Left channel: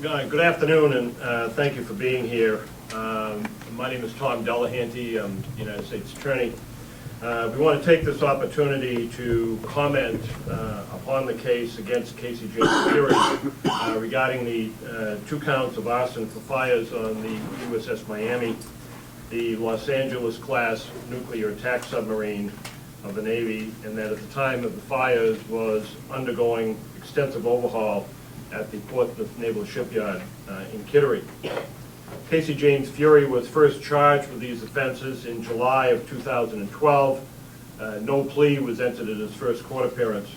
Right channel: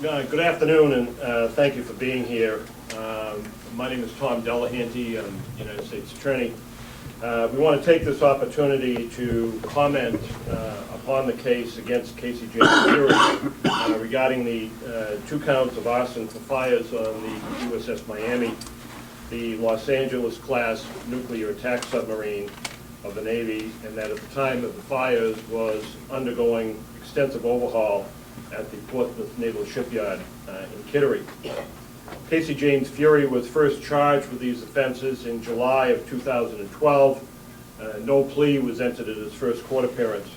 Good afternoon, and thank you for being here. My name is Tom Delahanty. I'm United States Attorney. We want to take this opportunity to comment upon the case against Casey James Fury regarding the 2 counts of arson for fires on the USS Miami, the Los Angeles class nuclear attack submarine of the Navy, and that at the time of the fires was undergoing extensive overhaul at the Portsmouth Naval Shipyard in Kittery. Casey James Fury was first charged with these offenses in July of 2012. No plea was entered at his first court appearance.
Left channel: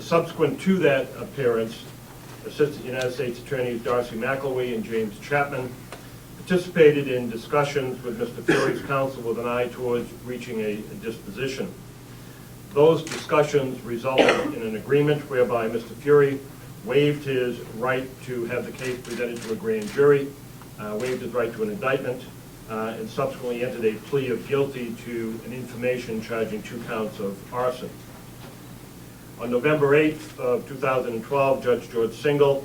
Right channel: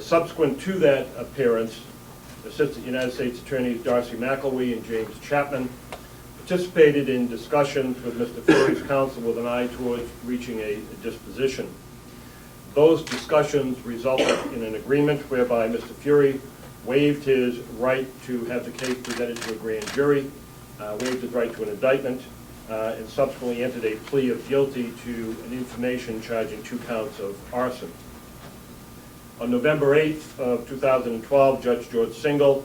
Subsequent to that appearance, Assistant United States Attorneys Darcy McElwee and James Chapman participated in discussions with Mr. Fury's counsel with an eye towards reaching a disposition. Those discussions resulted in an agreement whereby Mr. Fury waived his right to have the case presented to a grand jury, waived his right to an indictment, and subsequently entered a plea of guilty to an information charging 2 counts of arson. On November 8th of 2012, Judge George Singal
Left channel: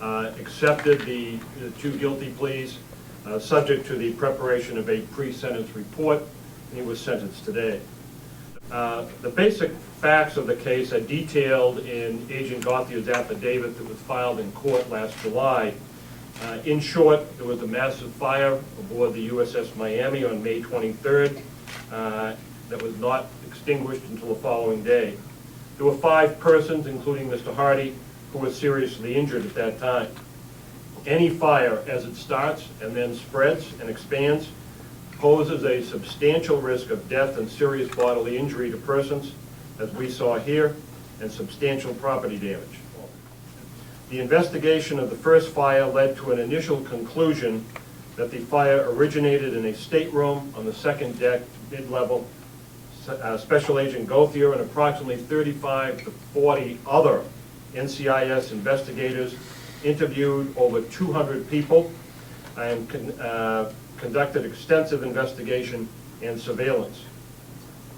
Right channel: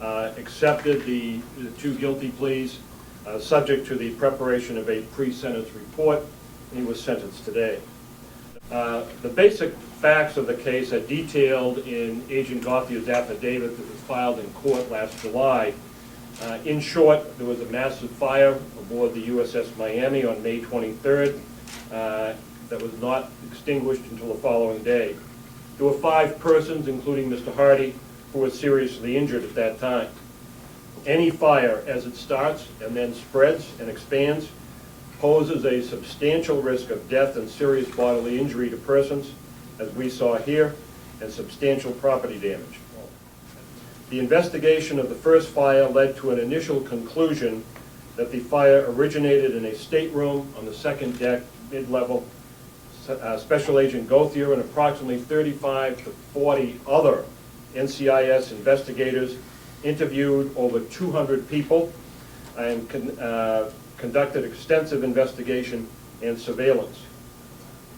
accepted the 2 guilty pleas, subject to the preparation of a pre-sentence report, and he was sentenced today. The basic facts of the case are detailed in Agent Gauthier's affidavit that was filed in court last July. In short, there was a massive fire aboard the USS Miami on May 23rd that was not extinguished until the following day. There were 5 persons, including Mr. Hardy, who were seriously injured at that time. Any fire, as it starts and then spreads and expands, poses a substantial risk of death and serious bodily injury to persons, as we saw here, and substantial property damage. The investigation of the first fire led to an initial conclusion that the fire originated in a stateroom on the 2nd deck, mid-level. Special Agent Gauthier and approximately 35 to 40 other NCIS investigators interviewed over 200 people and conducted extensive investigation and surveillance.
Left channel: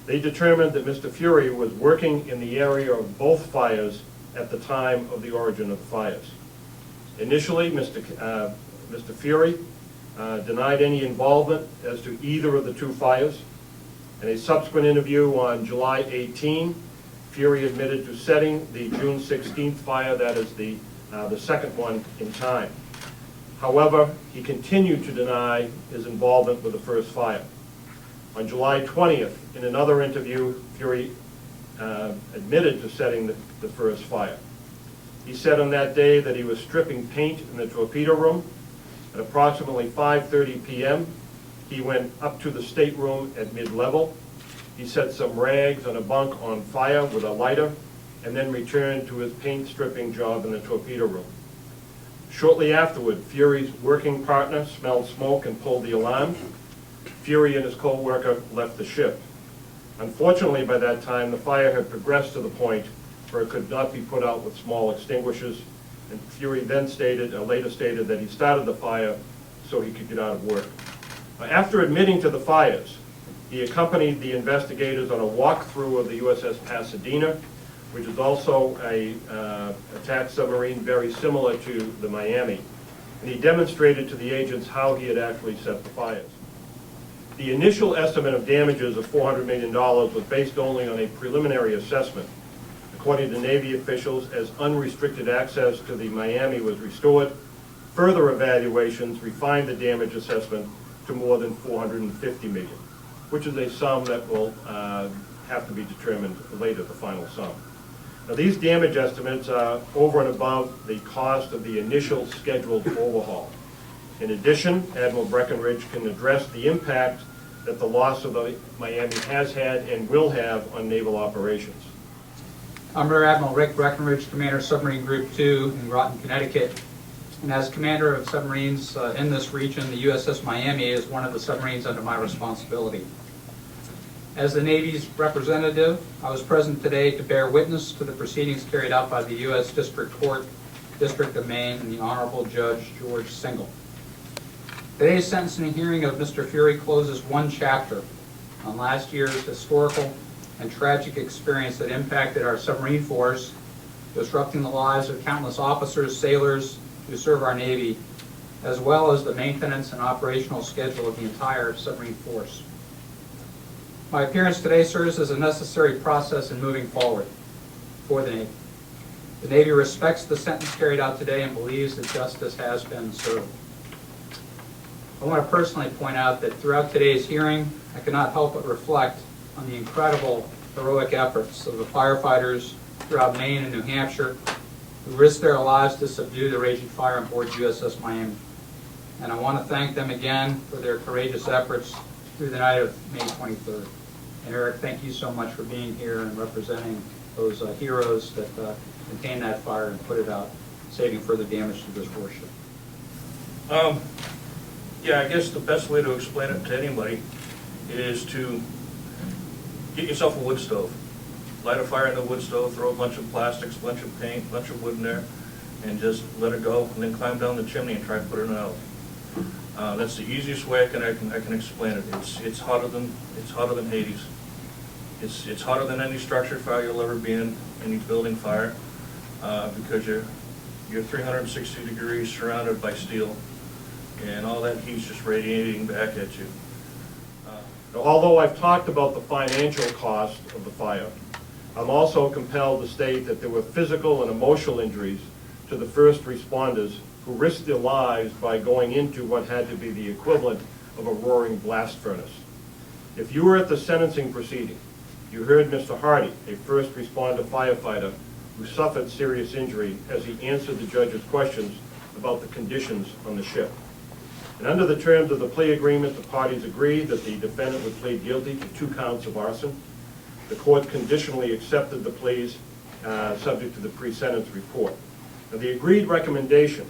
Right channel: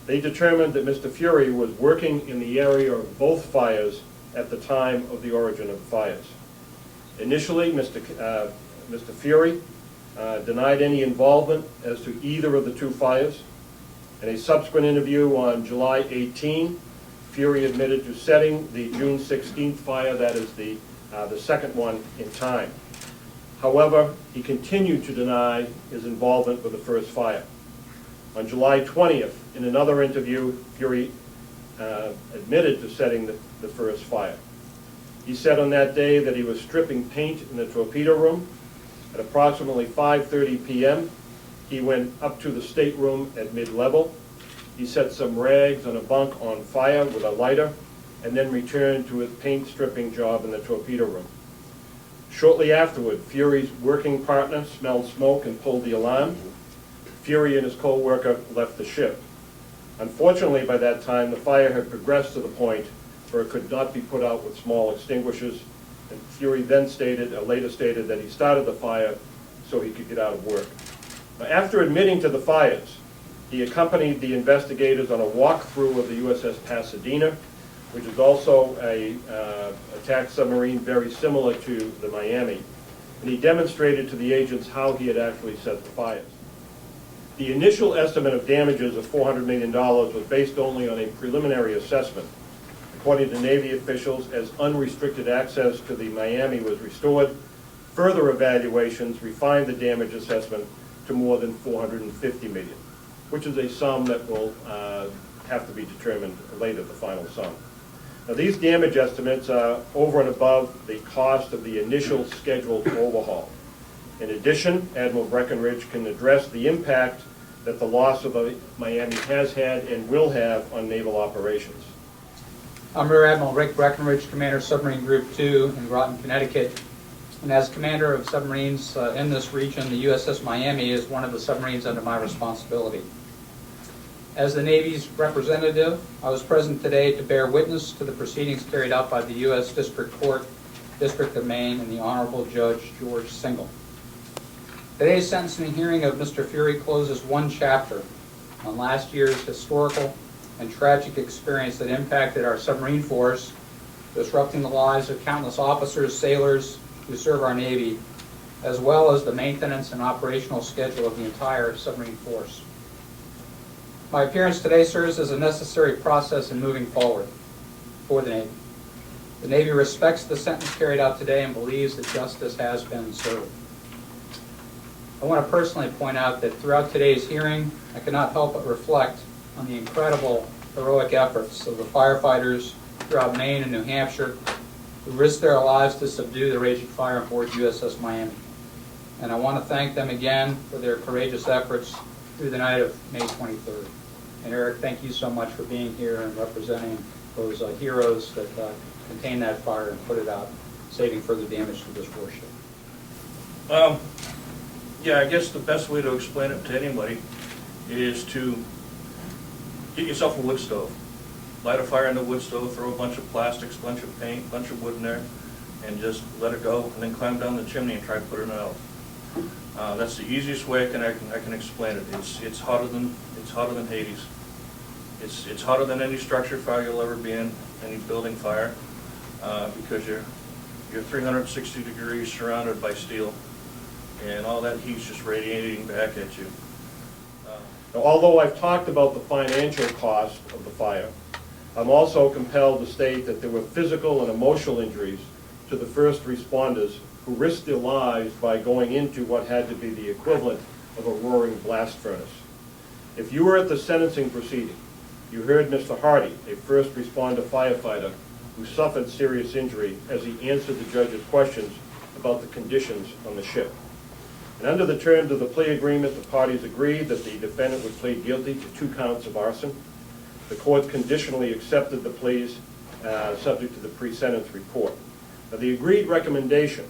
They determined that Mr. Fury was working in the area of both fires at the time of the origin of the fires. Initially, Mr. Fury denied any involvement as to either of the 2 fires. In a subsequent interview on July 18, Fury admitted to setting the June 16th fire, that is the second one in time. However, he continued to deny his involvement with the first fire. On July 20th, in another interview, Fury admitted to setting the first fire. He said on that day that he was stripping paint in the torpedo room. At approximately 5:30 p.m., he went up to the stateroom at mid-level. He set some rags on a bunk on fire with a lighter, and then returned to his paint stripping job in the torpedo room. Shortly afterward, Fury's working partner smelled smoke and pulled the alarm. Fury and his co-worker left the ship. Unfortunately, by that time, the fire had progressed to the point where it could not be put out with small extinguishers, and Fury then later stated that he started the fire so he could get out of work. After admitting to the fires, he accompanied the investigators on a walkthrough of the USS Pasadena, which is also a attack submarine very similar to the Miami, and he demonstrated to the agents how he had actually set the fires. The initial estimate of damages of $400 million was based only on a preliminary assessment. According to Navy officials, as unrestricted access to the Miami was restored, further evaluations refined the damage assessment to more than $450 million, which is a sum that will have to be determined later, the final sum. Now, these damage estimates are over and above the cost of the initial scheduled overhaul. In addition, Admiral Breckenridge can address the impact that the loss of the Miami has had and will have on naval operations. I'm Rear Admiral Rick Breckenridge, Commander Submarine Group 2 in Groton, Connecticut. And as Commander of submarines in this region, the USS Miami is one of the submarines under my responsibility. As the Navy's representative, I was present today to bear witness to the proceedings carried out by the U.S. District Court, District of Maine, and the Honorable Judge George Singal. Today's sentencing hearing of Mr. Fury closes one chapter on last year's historical and tragic experience that impacted our submarine force, disrupting the lives of countless officers, sailors, who serve our Navy, as well as the maintenance and operational schedule of the entire submarine force. My appearance today serves as a necessary process in moving forward for the Navy. The Navy respects the sentence carried out today and believes that justice has been served. I want to personally point out that throughout today's hearing, I cannot help but reflect on the incredible heroic efforts of the firefighters throughout Maine and New Hampshire who risked their lives to subdue the raging fire on board USS Miami. And I want to thank them again for their courageous efforts through the night of May 23rd. And Eric, thank you so much for being here and representing those heroes that contained that fire and put it out, saving further damage to this warship. Yeah, I guess the best way to explain it to anybody is to get yourself a wood stove. Light a fire in the wood stove, throw a bunch of plastics, bunch of paint, bunch of wood in there, and just let it go, and then climb down the chimney and try to put it out. That's the easiest way I can explain it. It's hotter than Hades. It's hotter than any structure fire you'll ever be in, any building fire, because you're 360 degrees surrounded by steel, and all that heat's just radiating back at you. Now, although I've talked about the financial cost of the fire, I'm also compelled to state that there were physical and emotional injuries to the first responders who risked their lives by going into what had to be the equivalent of a roaring blast furnace. If you were at the sentencing proceeding, you heard Mr. Hardy, a first responder firefighter who suffered serious injury as he answered the judge's questions about the conditions on the ship. And under the terms of the plea agreement, the parties agreed that the defendant would plead guilty to 2 counts of arson. The court conditionally accepted the pleas subject to the pre-sentence report. Now, the agreed recommendation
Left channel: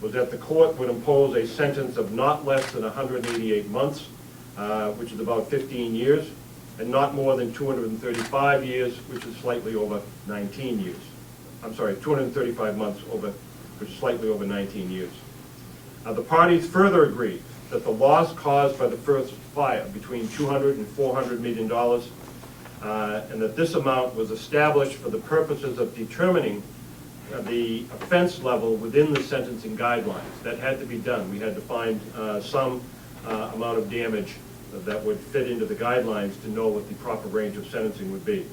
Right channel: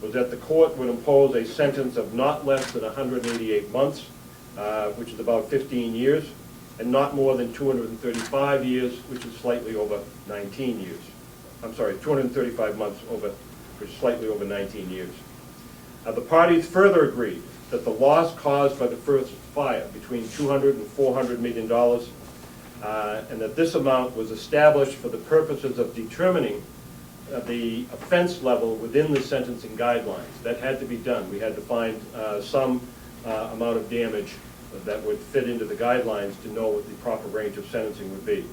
was that the court would impose a sentence of not less than 188 months, which is about 15 years, and not more than 235 years, which is slightly over 19 years. I'm sorry, 235 months, which is slightly over 19 years. The parties further agreed that the loss caused by the first fire between $200 and $400 million, and that this amount was established for the purposes of determining the offense level within the sentencing guidelines. That had to be done. We had to find some amount of damage that would fit into the guidelines to know what the proper range of sentencing would be.